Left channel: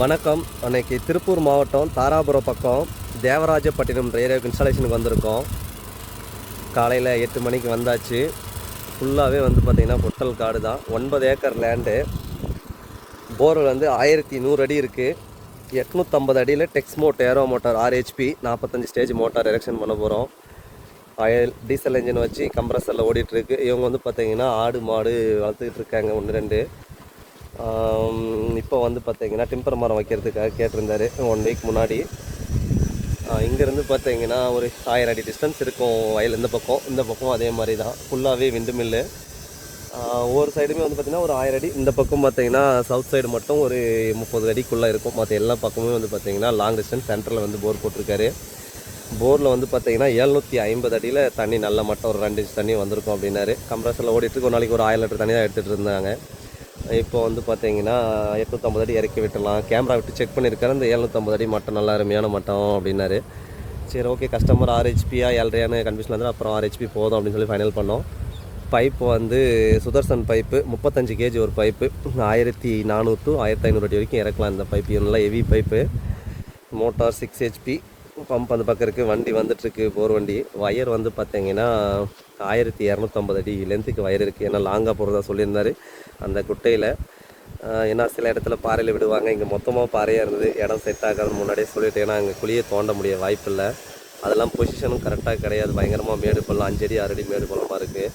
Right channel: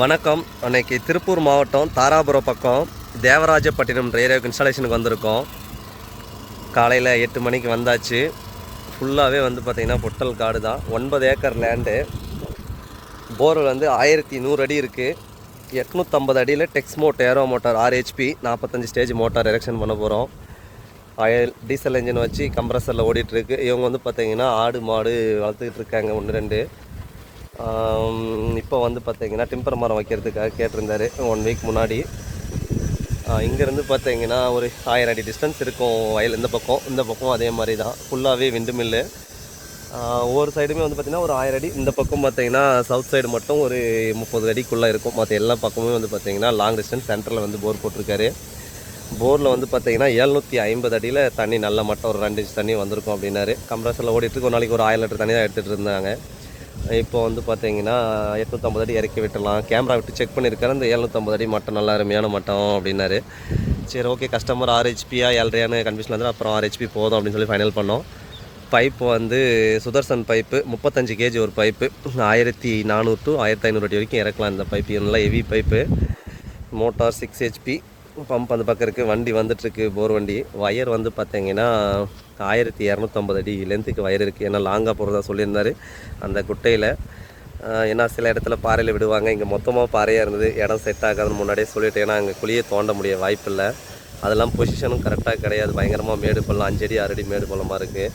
வணக்கம். அன்னைக்கு திருப்பூர் மாவட்டம் தாராபுரம் பக்கம் தேவராஜப்பட்டினம் ஏரியாவுக்கு இன்ஸ்டாலேஷனுக்கு வந்திருக்கோம். காலையில் எட்டு மணிக்கு வந்தாச்சு. ஃபுல்லாகவே வந்து பார்த்திங்கன்னா பொட்டல் காடு தான். ஒன்பது ஏக்கர் லேண்டு போர்வெல் வந்து ஆயிரத்தி நூறு அடி இருக்குது எட்நூற்றம்பது அடியில் டெக்ஸ்மோட் ஏரோ மோட்டார் ஆர்ஹெச்பி நாற்பத்தஞ்சு ஸ்டேஜ் மோட்டார் எலெக்ஷன் பண்ண போகிறோம் ஆயில் டீசல் இன்ஜின் வச்சு கம்ப்ரஸரில் ஓடிட்டுருக்கு இவங்க வந்து பார்த்திங்கன்னா ஆடு மாடு வளர்த்துக்கிட்டு இருக்காங்க ஒன்று ரெண்டு. இப்போ வந்து பார்த்தீங்கன்னா டிம்பர் மரம் வைக்கிறதுக்காக கேட்டிருந்தாரு. ஒன் வீக் முன்னாடி. இங்கேருந்து பார்த்தீங்கன்னா ஒரு ஆயிரம் அடி டிஸ்டன்ஸ் இருக்கும் வயல் இந்த பக்கம். இந்த பக்கம் அதே மாதிரி தான் ஃபுல்லாகவே விண்டு மில்லு ஒவ்வொரு சைடுமே வந்து பார்த்திங்கன்னா ஒரு ஆயிரம் அடி. இந்த பக்கம் பார்த்தீங்கன்னா சவுத் சைடு மட்டும் ஒரு முப்பது அடிக்குள்ளே இருக்கும். மற்ற எல்லா பக்கமுமே வந்து பார்த்தீங்கன்னா லாங் டிஸ்டன்ஸ் சென்டரில் வந்து போர் போட்டிருக்காரு. போரில் வந்து பார்த்தீங்கன்னா எழுநூற்றி ஐம்பது அடியில் தண்ணி நல்ல மட்டம் ஒரு ரெண்டு இன்ச் தண்ணி வந்திருக்கும் அப்படின்னாரு. கம்ப்ரஸரில் ஓடிட்டு ஒரு நாளைக்கு ஒரு ஆயிரம் லிட்டர் தண்ணி தான் எடுத்துகிட்டு இருந்தாங்க. இப்போ வந்து பார்த்தீங்கன்னா எட்நூற்றம்பது அடி இறக்கி விட்டுடலாம். கேமரா விட்டு செக் பண்ணியிருக்காரு. அந்த எழுநூற்றம்பது அடி மட்டம் நல்லா அருமையான மட்டம் அப்படின்னாரு. சரி ஓகே கஸ்டமர் ஆர்ஹெச்பியா எல்ரையான்னு கன்ஃபியூஷன் வந்து அப்புறம் ஆர்ஹெச்பி போதும் அப்படின்னு சொல்லி ஃபைனல் பண்ணோம். பைப்பு வந்து சுதர்சன் பைப்பு முப்பத்தஞ்சு கேஜி ஒரு பைப்பு ஆயிரத்தி நானூறு டு ஆயிரத்தி ஐநூறு அடி வரைக்கும் இறக்கலாம் இந்த பைப்பு நல்லா heavy pipe motor six HP pump அந்த பக்கம் இருக்குது வண்டி வந்துட்டுருக்கு போர் வண்டி. ஒயர் வந்து பார்த்தீங்கன்னா ஆயிரத்தி இரநூத்தம்பது அடி லென்த்துக்கு வயர் இருக்குது ஏன்னா லாங்காக போகிறதா சொல்லியிருந்தார் அந்த குட்டையில். ஏன்னா சில இடத்துல பாறையில் விடுவாங்க. இங்கே மொத்தமாக பாறையாக இருந்தது. இடம் செட் ஆகாதுன்னு முன்னாடியே சொல்லிட்டு ஏன்னா அங்கே குழியை தோண்ட முடிய வாய்ப்பு இல்லை. அதெல்லாம் பொசிஷனும் கரெக்டாக கிடையாது. பயங்கரமாக மேடு பள்ளம் அஞ்சடி ஆறு அடி மேடு பள்ளமாக இருக்குது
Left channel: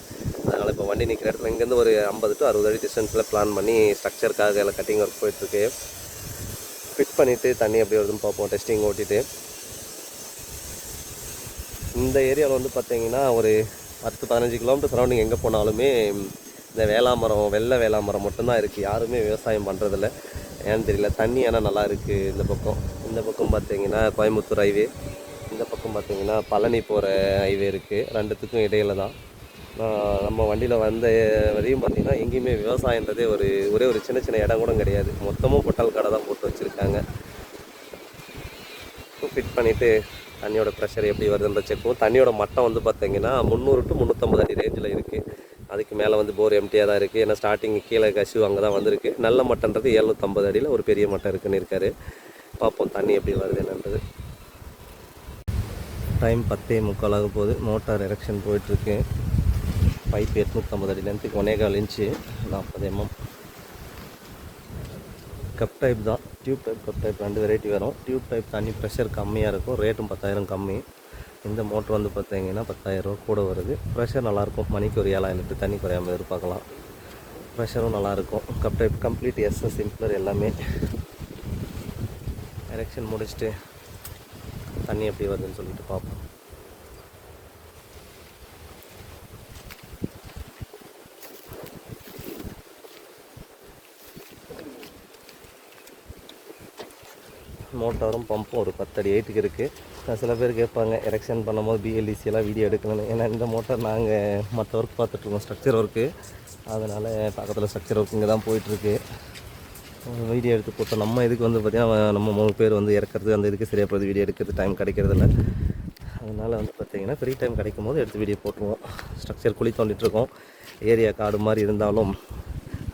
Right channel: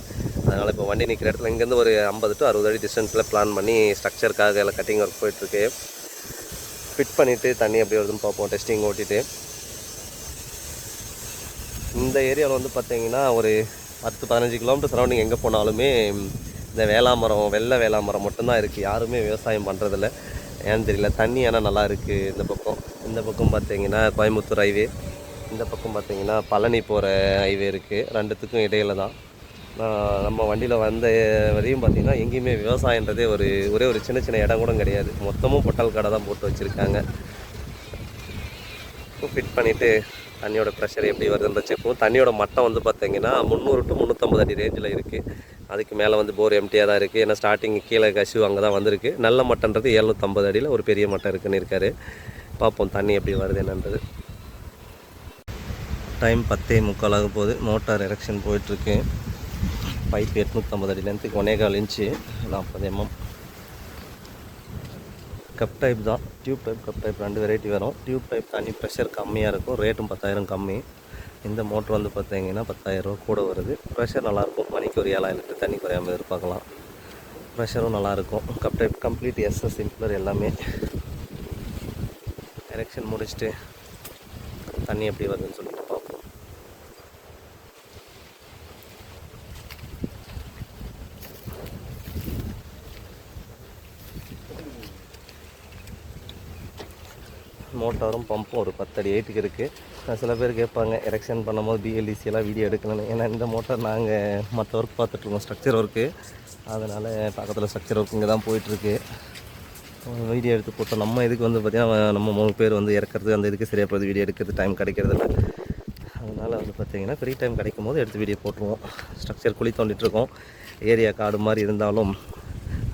அதனால் இப்போ வண்டி நிற்கிற இடத்துல இங்கேருந்து ஒரு ஐம்பது டு அறுபது அடி டிஸ்டன்ஸில் பிளான் பண்ணி ஸ்ட்ரக்சருக்காக எல்லாம் கட்டிங் ஒர்க் போயிட்டுருக்கு. ஃபிட் பண்ணிவிட்டு தண்ணி அப்படி வருதுன்னு பார்ப்போம். டெஸ்டிங் ஓட்டிட்டு. இந்த ஏரியாவில் வந்து பார்த்தீங்கன்னா ஒரு பத்து பதினஞ்சு கிலோமீட்டர் சரௌண்டிங் எங்கே போனாலுமே இந்த வேளாமரம் வெள்ளை வேளாமரம் மட்டும்தான் இருக்குது யாருமே விவசாயம் பண்ணுறதில்ல ஏன்னு தெரியல. தண்ணி ஆனால் நல்லா இருக்குது இந்த பக்கம் இந்த பக்கம் பார்த்தீங்கன்னா கோயம்புத்தூர் ஹைவே இந்த பக்கம் பார்த்தீங்கன்னா பழனி போகிற ஹைவே இருக்குது ரெண்டுத்துக்கும் இடையில தான். நம்ம வண்டியில் வந்த வரையும் பார்த்திங்கன்னா எங்கேயுமே விவசாயன்றதே ஒரு ஒரே ஒரு சின்ன சின்ன இடம் கூட கிடையாது. மொத்தமும் பொட்டல் கடை தான் போட்டு வச்சுருக்காங்க. ஃபிட் பண்ணிவிட்டு தண்ணியோட ப்ரெஷர் எப்படி வருதுன்ற செக்கும் தண்ணியோட மட்டம் வந்து பார்த்தீங்கன்னா முந்நூறு டு முந்நூற்றம்பது அடி ரேஞ்சில் இருக்குது அதுக்கு மேலே வந்து போர் எம்டியாக தான் இருக்குது ஏன்னா ஸ்டார்டிங் கீழே கசிவு அங்கே தான் வந்திருக்கு. நல்ல மட்டன்றது எழுநூற்றம்பது அடியில் ஒரு பெரிய மட்டம் இருக்குன்னு இருக்காரு. பார்ப்போம் தண்ணி எப்படி வருது என்னன்றது. டைம் பத்தே முக்கால் ஆக போகுது. மோட்டார் எரெக்ஷன் போயிட்டுருக்கு பைப் எட்நூற்றம்பது அடி லென்த்துக்கு ஒன்னே கால் இன்ச்சு நாற்பது எம்எம் கப் டைப் தான். டியூப் டைப் கப் டைப் ரெண்டு வெரைட்டி வரும். டியூப் டைப் தண்ணி ப்ரெஷர் கம்மியாக இருக்கும். ரேட்டும் பத்தாயிரம் கம்மி. இந்த மோட்ரு வந்து பார்த்தீங்கன்னா பத்தாயிரரூவா கூட வருது. ப்ரெஷர் நல்லாயிருக்கும் மணிக்கு ஒரு ஏழாயிரம் லிட்டர் தண்ணி குறையாமல் எதிர்பார்க்கலாம். ப்ரெஷரும் நல்லாயிருக்கும் cup type complete SS simpler எல்லாமே. எலெக்ஷன் முடிச்சுட்டு தண்ணி எப்படி வருதுன்னு சொல்லிட்டு பார்ப்போம் மோட்டாரும் பம்பும் ஒரு பத்தடி எயிட்டுக்கு இருக்குது சில பேர் கேட்பாங்க எரெக்ஷன் பண்ணும்போது பிஎல்டிசியெல்லாம் வீடியோ எடுக்கணும்னு. ஏன்னா இந்த மோட்டார் நாங்கள் மற்ற ஒர்க் பார்த்துட்ருக்கோம் ஸ்ட்ரக்சர் ஒர்க்கு அதனால் பக்கத்தில் ஸ்ட்ரக்சர் ஒர்க் இங்கே தான் போயிட்டுருக்கு. வீடியோ எடுத்து போட்டோம். நம்ம இதுக்கு வந்து பார்த்திங்கன்னா நம்ம மூணு பேர் வந்து இறக்கிறது அந்த இதுக்கு சரியாக போகுது வீடியோ எடுக்கிறது டைம் கிடைக்கிறதில்ல அதனால் வந்து பார்த்திங்கன்னா ஃப்ரீ டைம் கிடைக்கும் போது எடுத்து வீடியோ போட்டுருவோம். ஸ்ட்ரக்சர் குழி தோண்டிட்டுருக்கோம் ஏரியா காடு மாதிரி இருந்தாலும்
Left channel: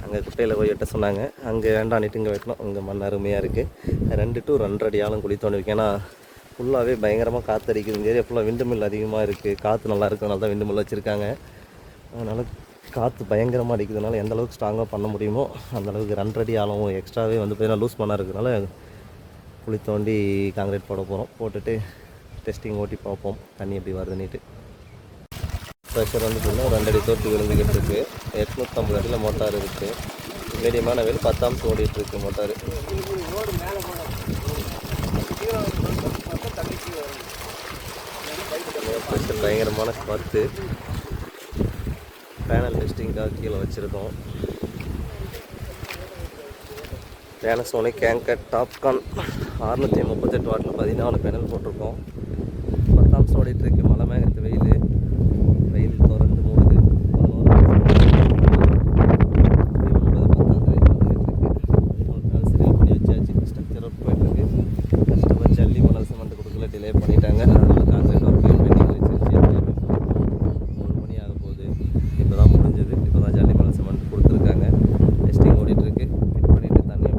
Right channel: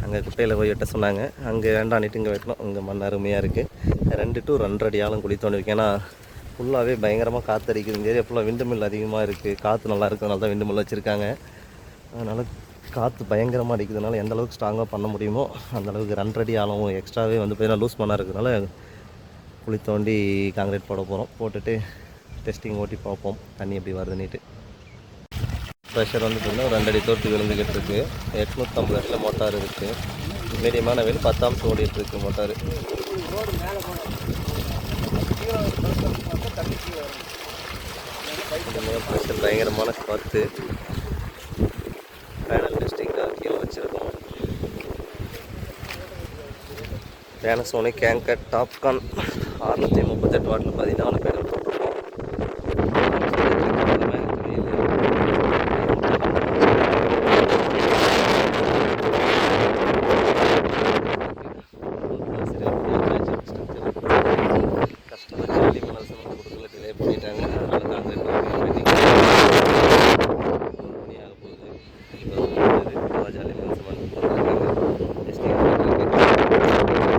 அங்கே குட்டையில் போய் வெட்ட சொன்னாங்க. அங்கே வேண்டாம் இங்கே வெட்டணும். இங்கே மண் அருமையாக இருக்குது ரெண்டு டு ரெண்டரை அடி ஆழம் குழி தோண்டி ஏன்னா ஃபுல்லாகவே பயங்கரமாக காற்று அடிக்குது இந்த ஏரியா ஃபுல்லாக விண்டு மில் அதிகமாக இருக்குது காற்று நல்லா இருக்கிறதுனால தான் விண்டு மில் வச்சுருக்காங்க. அதனால் காற்று பயங்கரமாக அடிக்கிறதுனால எந்த அளவுக்கு ஸ்ட்ராங்காக பண்ண முடியுமோ அந்தளவுக்கு ரெண்டரை அடி ஆழம் எக்ஸ்ட்ராவே வந்து பார்த்தீங்கன்னா லூஸ் பண்ணால் இருக்கிறதுனால குழி தோண்டி காங்கிரீட் போட போகிறோம் போட்டுட்டு டெஸ்டிங் ஓட்டி பார்ப்போம். தண்ணி எப்படி வருதுன்னுட்டு. ப்ரெஷர் வந்து பார்த்தீங்கன்னா ரெண்டடி தோட்டு விழுந்துக்கிட்டு இருக்குது எட்நூற்றம்பது அடியில் மோட்டார் இருக்குது மீடியமான வேலை பத்தாம் முன்னாடி மேலே போகணும் கீழே பார்த்தா தண்ணி கீழே வரும் பயங்கரமான காற்று பேனல் டெஸ்டிங்காக கீழே வச்சுருக்கோம். பேனசோனி கேங்கர் டாப்கான் அறுநூற்றி முப்பத்தெட்டு வாட்டில் பதினாலு பேனல் போட்டோம் கஸ்டமர் ஜல்லி மணல் சிமெண்ட் கொடுக்கல டிலே பண்ணிட்டாங்க அதனால காங்கிரீட் பெண்டிங் ஒரு மணி ஆக போகுது இப்போ தான் முடிஞ்சது இப்போ தான் ஜல்லி மணல் சிமெண்ட் கொடுத்துருக்காங்க டெஸ்டிங் பண்ணிட்டு இருக்கு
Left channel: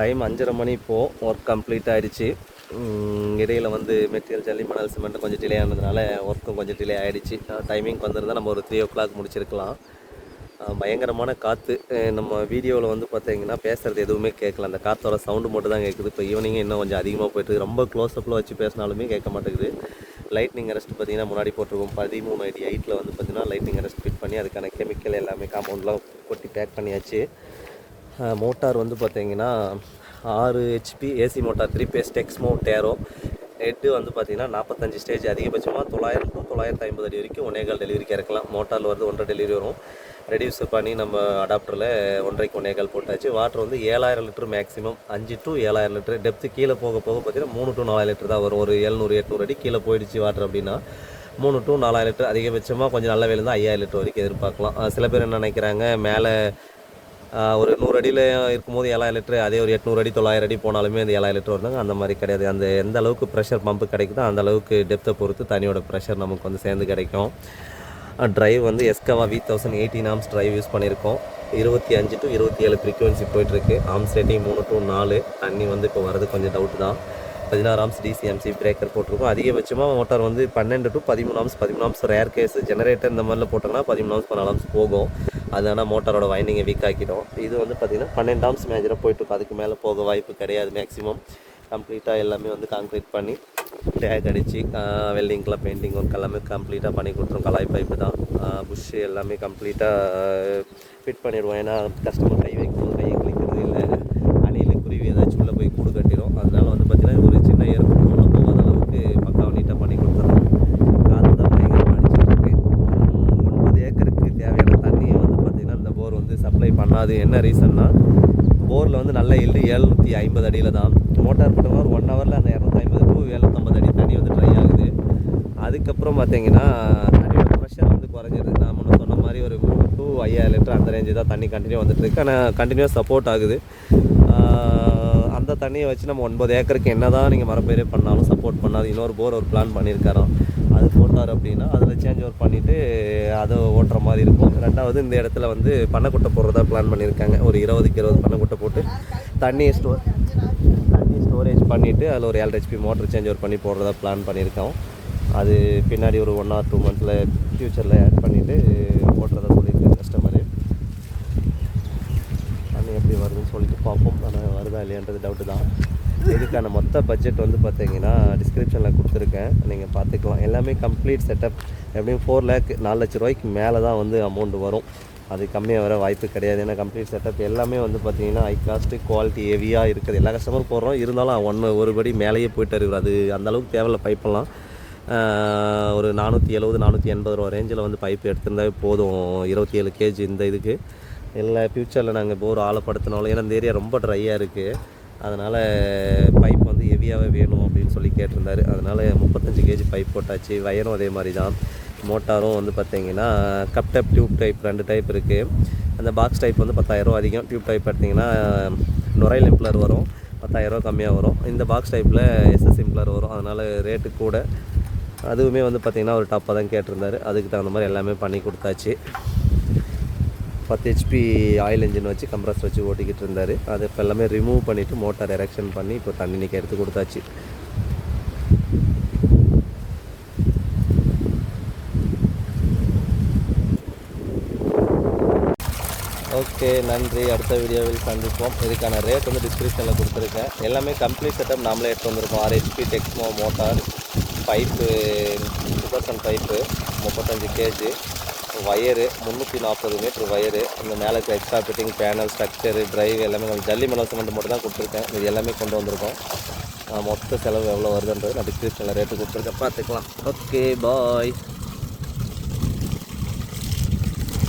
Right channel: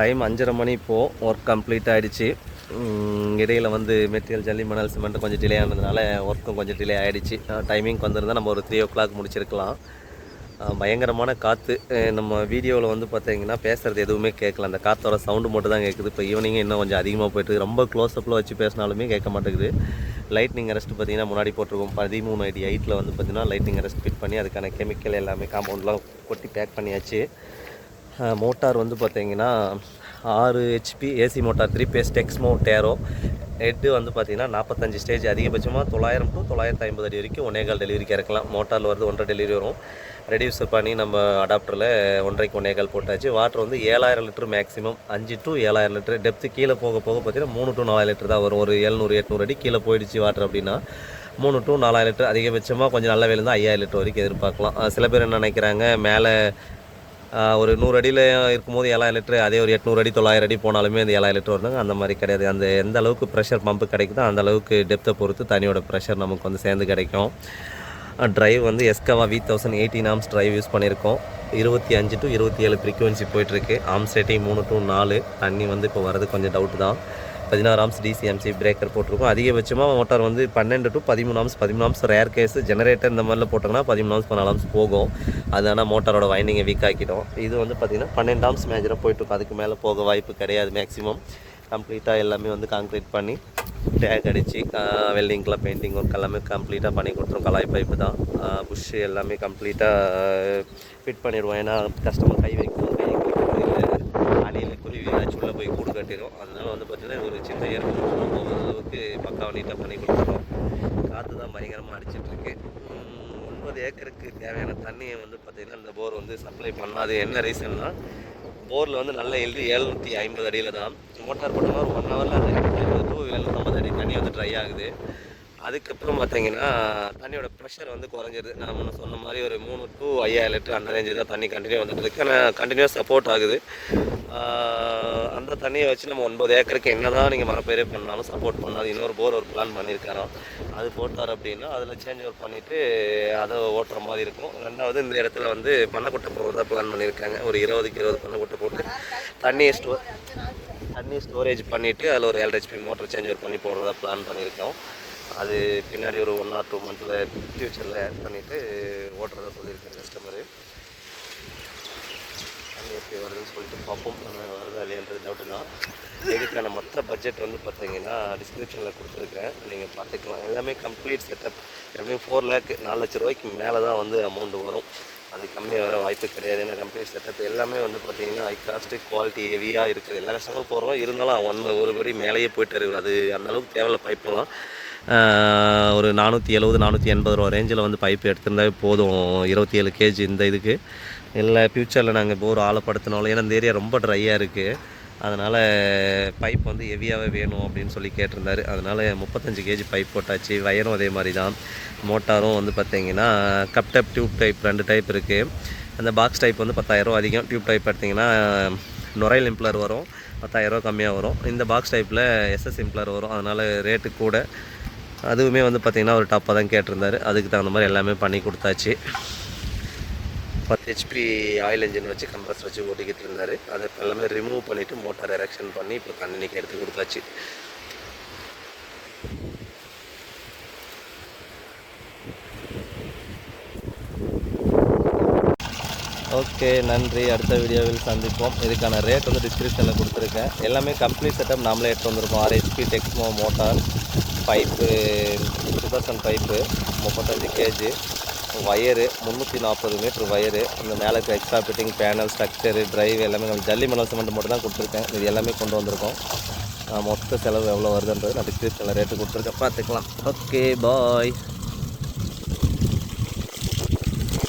டைம் அஞ்சரை மணி இப்போது ஒர்க் கம்ப்ளீட் ஆகிடுச்சு இடையில் வந்து மெட்டீரியல் ஜல்லி மணல் சிமெண்ட் கொஞ்சம் டிலே ஆனதுனால ஒர்க்கும் கொஞ்சம் டிலே ஆகிடுச்சு டைமிங் வந்திருந்தால் நம்ம ஒரு த்ரீ ஓ கிளாக் முடிச்சிருக்கலாம் பயங்கரமான காற்று நம்ம வீடியோவில் வந்து பார்த்தீங்கன்னா பேசுகிறது எதுவுமே கேட்கல அந்த காற்றோட சவுண்டு மட்டும் தான் கேட்குது இப்போ ஈவினிங் இன்னும் கொஞ்சம் அதிகமாக போயிட்டு ரொம்ப க்ளோஸ்அப்பில் வச்சு பேசினாலுமே கேட்க மாட்டேங்குது. லைட்னிங் அரெஸ்ட் பார்த்தீங்கன்னா முன்னாடி போட்டிருக்கோம். பதிமூணு அடி எயிட்டில் வந்து பார்த்தீங்கன்னா லைட்னிங் அரெஸ்ட் ஃபிட் பண்ணி அதுக்கான கெமிக்கல் எல்லாமே காம்பவுண்ட்லாம் கொட்டி பேக் பண்ணியாச்சு. மோட்டார் வந்து பார்த்தீங்கன்னா ஆறு HP AC motor three phase Texmo tarot head வந்து பார்த்தீங்கன்னா நாற்பத்தஞ்சு ஸ்டேஜ் அதிகபட்சமாக தொள்ளாயிரம் டு தொள்ளாயிரத்து ஐம்பது அடி வரைக்கும் ஒன்னேகால் டெலிவரிக்கு இறக்கலாம். மோட்டாரில் வருது ஒன்றரை டெலிவரி வரும். ரெடியூஸ் பண்ணி நம்ம அடாப்டரில் ஒன்றரைக்கு ஒன்னேகால் போட்டாச்சு. வாட்டர் வந்து ஏழாயிரம் லிட்டர் மேக்ஸிமம் அஞ்சு டு ஏழாயிரம் லிட்டர். டெப்த்து கீழே போக போக பார்த்தீங்கன்னா மூணு டு நாலாயிரம் லிட்டர் தான் வரும். ஒரு எழுநூறு எட்நூறு அடி கீழே போயிடுச்சு வாட்டர் அப்படின்னா. மூணு டு நாலாயிரம் லிட்டர் அதிகபட்சமாக கொஞ்சம் நல்ல வேலை இருந்தால் ஐயாயிரம் லிட்டர் வரைக்கும் எதிர்பார்க்கலாம். சில பேர் என்ன நினைக்கிறாங்க மேலே ஒரு நூறு அடியில் இருக்கும்போது ஏழாயிரம் லிட்டரு அதே ஒரு எட்நூறு அடி தொள்ளாயிரம் அடி போனாலுமே அந்த ஏழாயிரம் லிட்டர் வருதாங்க. அந்த மாதிரி கிடையாது. அந்த எந்த அளவுக்கு ப்ரெஷர் பம்பு கிடைக்குதோ அந்த அளவுக்கு டெப்த்தை பொறுத்து தண்ணியோட ப்ரெஷர் நமக்கு வந்து சேர்ந்து கிடைக்கும். ட்ரைவ் வந்து எஸ்கவா V thousand eighteen arms drive use பண்ணியிருக்கோம். இருபத்தி அஞ்சு டு இருபத்தி ஏழு ஃப்ரீக்குவென்சி போயிட்டுருக்கு. ஆம்ஸ் ரேட்டிங் மூணு டு நாலு. தண்ணி வந்து இப்போ வர்றது கொஞ்சம் டவுட் தான். பதினாறு ஆம்ஸ் டிசிஎம்சி பிரேக்கர் போட்டிருக்கோம். அதிகபட்சமாக மோட்டார் வந்து பன்னெண்டு டு பதிமூணு ஆம்ஸ் பதிமூணு ஆம்ஸ் ரேர் கேஸ் ஜெனரேட்டர் இந்த மாதிரிலாம் போட்டோம்னா பதிமூணு ஆம்ஸ் பதினாலு ஆம்ஸ் போகும். அது ஆனால் மோட்டாரோட வைண்டிங்கை வீக் ஆக்கிடும். இது வந்து பார்த்திங்கன்னா பன்னெண்டு ஆம்ஸ் மேஜராக போயிட்டுருக்கும். அதுக்கு மேலே போக வாய்ப்பு கிடையாது மேக்ஸிமம் கம்ப்ளீட்டாக எல்லாமே வந்து கான்க்ரீட் பண்ணி டேக் அடித்து வெல்டிங்க்கெலாம் பெயிண்டிங் ஒர்க் எல்லாமே கம்ப்ளீட்டாக பண்ணி கொடுத்துரும். கலாய் பைப்பு தான். புஷ்ஷு எல்லாமே கம்ப்ளீட்டாக ஃபிட் பண்ணிடுவோம். ஏன்னா கஸ்டமர் கை வைக்கணும் போய் கூடு கட்டிடும் அதனால வந்து பார்த்திங்கன்னா ஒரு சின்ன ஏற்பம் கூட போகாத அளவுக்கு பக்காவை நீட்டாக பண்ணி கொடுத்துருவோம் காற்று தான் பயங்கரமாக அடிச்சிட்ருக்கு ஒன்பது ஏக்கருக்கு தேவையான தண்ணியை வந்து பார்த்திங்கன்னா இந்த போர் வந்து சப்ளை பண்ணாது. என்ன ரீசன்னா போரில் வந்து நல்ல எள்ளு ஏழ்நூற்றி ஐம்பது அடியில் தான். மோட்டார் போட்டோம்னா ஒரு ஒன் ஹவரில் அந்த இரநூத்தி ஐம்பது டு எழுநூற்றம்பது அடி தண்ணி வந்து ட்ரை ஆகுது. அதுக்கப்புறம் பார்த்தீங்கன்னா தண்ணியோட ப்ரெஷர் வந்து குறைஞ்சிருது. நான் முன்ன சொன்ன மாதிரி ஒரு மூணு டு ஐயாயிரம் லிட்டர் அந்த ரேஞ்சு தான் தண்ணி கண்டினியூ வந்துட்டு இருக்கு. ஆனால் கண்டினியூஸ் சப்போர்ட் ஆகுது. ஆஹ் அந்த தண்ணியை வச்சு நம்ம ஒன்பது ஏக்கருக்கு என்ன தான் நீங்கள் மரப்பயிரே பண்ணாலும் சப்போர்ட் பண்ணாது. இன்னொரு போர் ஒரு பிளான் பண்ணியிருக்காரோம் அது போட்டார் அப்படின்னா அதில் சேஞ்ச் ஓவர் பண்ணிவிட்டு அதை ஓட்டுற மாதிரி இருக்கும். ரெண்டாவது இந்த இடத்துல வந்து பண்ணைக்குட்டை போடுறதா பிளான் பண்ணியிருக்காங்க ஒரு இருபதுக்கு இருபது பண்ணைக்குட்டை போட்டு தண்ணியை ஸ்டோர் தண்ணி ஸ்டோரேஜ் பண்ணிவிட்டு அதில் ஒரு ஏழு ஹெச்பி மோட்டர் சேஞ்ச் ஓவர் பண்ணி போடுறதா பிளான் பண்ணியிருக்கோம் அது பின்னாடி ஒரு ஒன் ஆர் டூ மந்தில் ஃப்யூச்சரில் ஆட் பண்ணிவிட்டு ஓட்டுறதா சொல்லியிருக்கேன் கஸ்டமரு எப்படி வருதுன்னு சொல்லிட்டு பார்ப்போம். ஆனால் வருதா இல்லையன்றது டவுட்டு தான். இதுக்கான மொத்த பட்ஜெட் வந்து பார்த்தீங்கன்னா டிஸ்கிரிப்ஷனில் கொடுத்துருக்கேன். நீங்கள் பார்த்துக்கலாம். எல்லாமே கம்ப்ளீட் செட்டப் எப்படியும் ஃபோர் லேக் நாலு லட்ச ரூபாய்க்கு மேலே தான் வந்து அமௌண்ட் வரும். அது கம்மியாக வர வாய்ப்பு கிடையாது. ஏன்னா கம்ப்ளீட் செட்டப் எல்லாமே வந்து பார்த்தீங்கன்னா ஹை காஸ்ட்டு குவாலிட்டி ஹெவியாக இருக்குது. எல்லா கஸ்டமரும் போடுறோம். இருந்தாலும் ஒன் ஒரு படி மேலேயே போயிட்டு இருக்குது அது அந்தளவுக்கு தேவையில்ல பைப்பெல்லாம் ஒரு நானூற்றி எழுபது நானூற்றி எண்பது ரூபா ரேஞ்சில் வந்து பைப் எடுத்திருந்தாவே போதும். இருபத்தி ஏழு கேஜி இந்த இதுக்கு. இல்லை ஃப்யூச்சரில் நாங்கள் இப்போ ஒரு ஆழப்படுத்தினாலும் ஏன்னா இந்த ஏரியா ரொம்ப ட்ரையாக இருக்குது அதனால் பைப் வந்து ஹெவியாகவே வேணும் அப்படின்னு சொல்லி கேட்டிருந்தாரு. அதனால் முப்பத்தஞ்சு கேஜி பைப் போட்டாச்சு. வயரும் அதே மாதிரி தான் மோட்டாரும் வந்து பார்த்தீங்கன்னா கப் டைப் டியூப் டைப் ரெண்டு டைப் இருக்குது அந்த பாக்ஸ் டைப் வந்து பத்தாயிரம் அதிகம். டியூப் டைப் எடுத்திங்கன்னா நுரையில் இம்ப்ளர் வரும். பத்தாயிரரூவா கம்மியாக வரும். இந்த பாக்ஸ் டைப்பில் எஸ்எஸ் இம்ப்ளர் வரும். அதனால் ரேட்டு கூட. அதுவுமே வந்து பார்த்திங்கன்னா ஒரு டாப்பாக தான் கேட்டிருந்தாரு. அதுக்கு தகுந்த மாதிரி எல்லாமே பண்ணி கொடுத்தாச்சு. பத்து ஹெச்பி ஆயில் இன்ஜின் வச்சு கம்ப்ரஸ் வச்சு ஓட்டிக்கிட்டு இருந்தார். அதை இப்போ எல்லாமே ரிமூவ் பண்ணிவிட்டு மோட்டார் எரெக்ஷன் பண்ணி இப்போ தண்ணிக்கு எடுத்து கொடுத்தாச்சு. ஓகே நன்றி. அடுத்த வீடியோவில் சந்திப்போம். இதுக்கான ரேட் வந்து டிஸ்கிரிப்ஷனில் கொடுத்துருக்கேன். எல்லாமே கம்ப்ளீட் செட்டப் நாமளே எடுத்து வந்திருக்கோம். RHP Texmo motor pipe two thousand pipe முப்பத்தஞ்சு கேஜி வயரு முந்நூற்றி நாற்பது மீட்ரு வயரு இந்த மேலே இருக்க extra fitting panel structure drive எல்லாமே நம்ம ஜல்லி மணல் சிமெண்ட் மட்டும் தான் கொடுத்துருக்கேன். இது எல்லாமே கொண்டு வந்திருக்கோம். மொத்த செலவு எவ்வளோ வருதுன்றது நான் டிஸ்கிரிப்ஷனில் ரேட்டு கொடுத்துருக்கேன். பார்த்துக்கலாம். Okay bye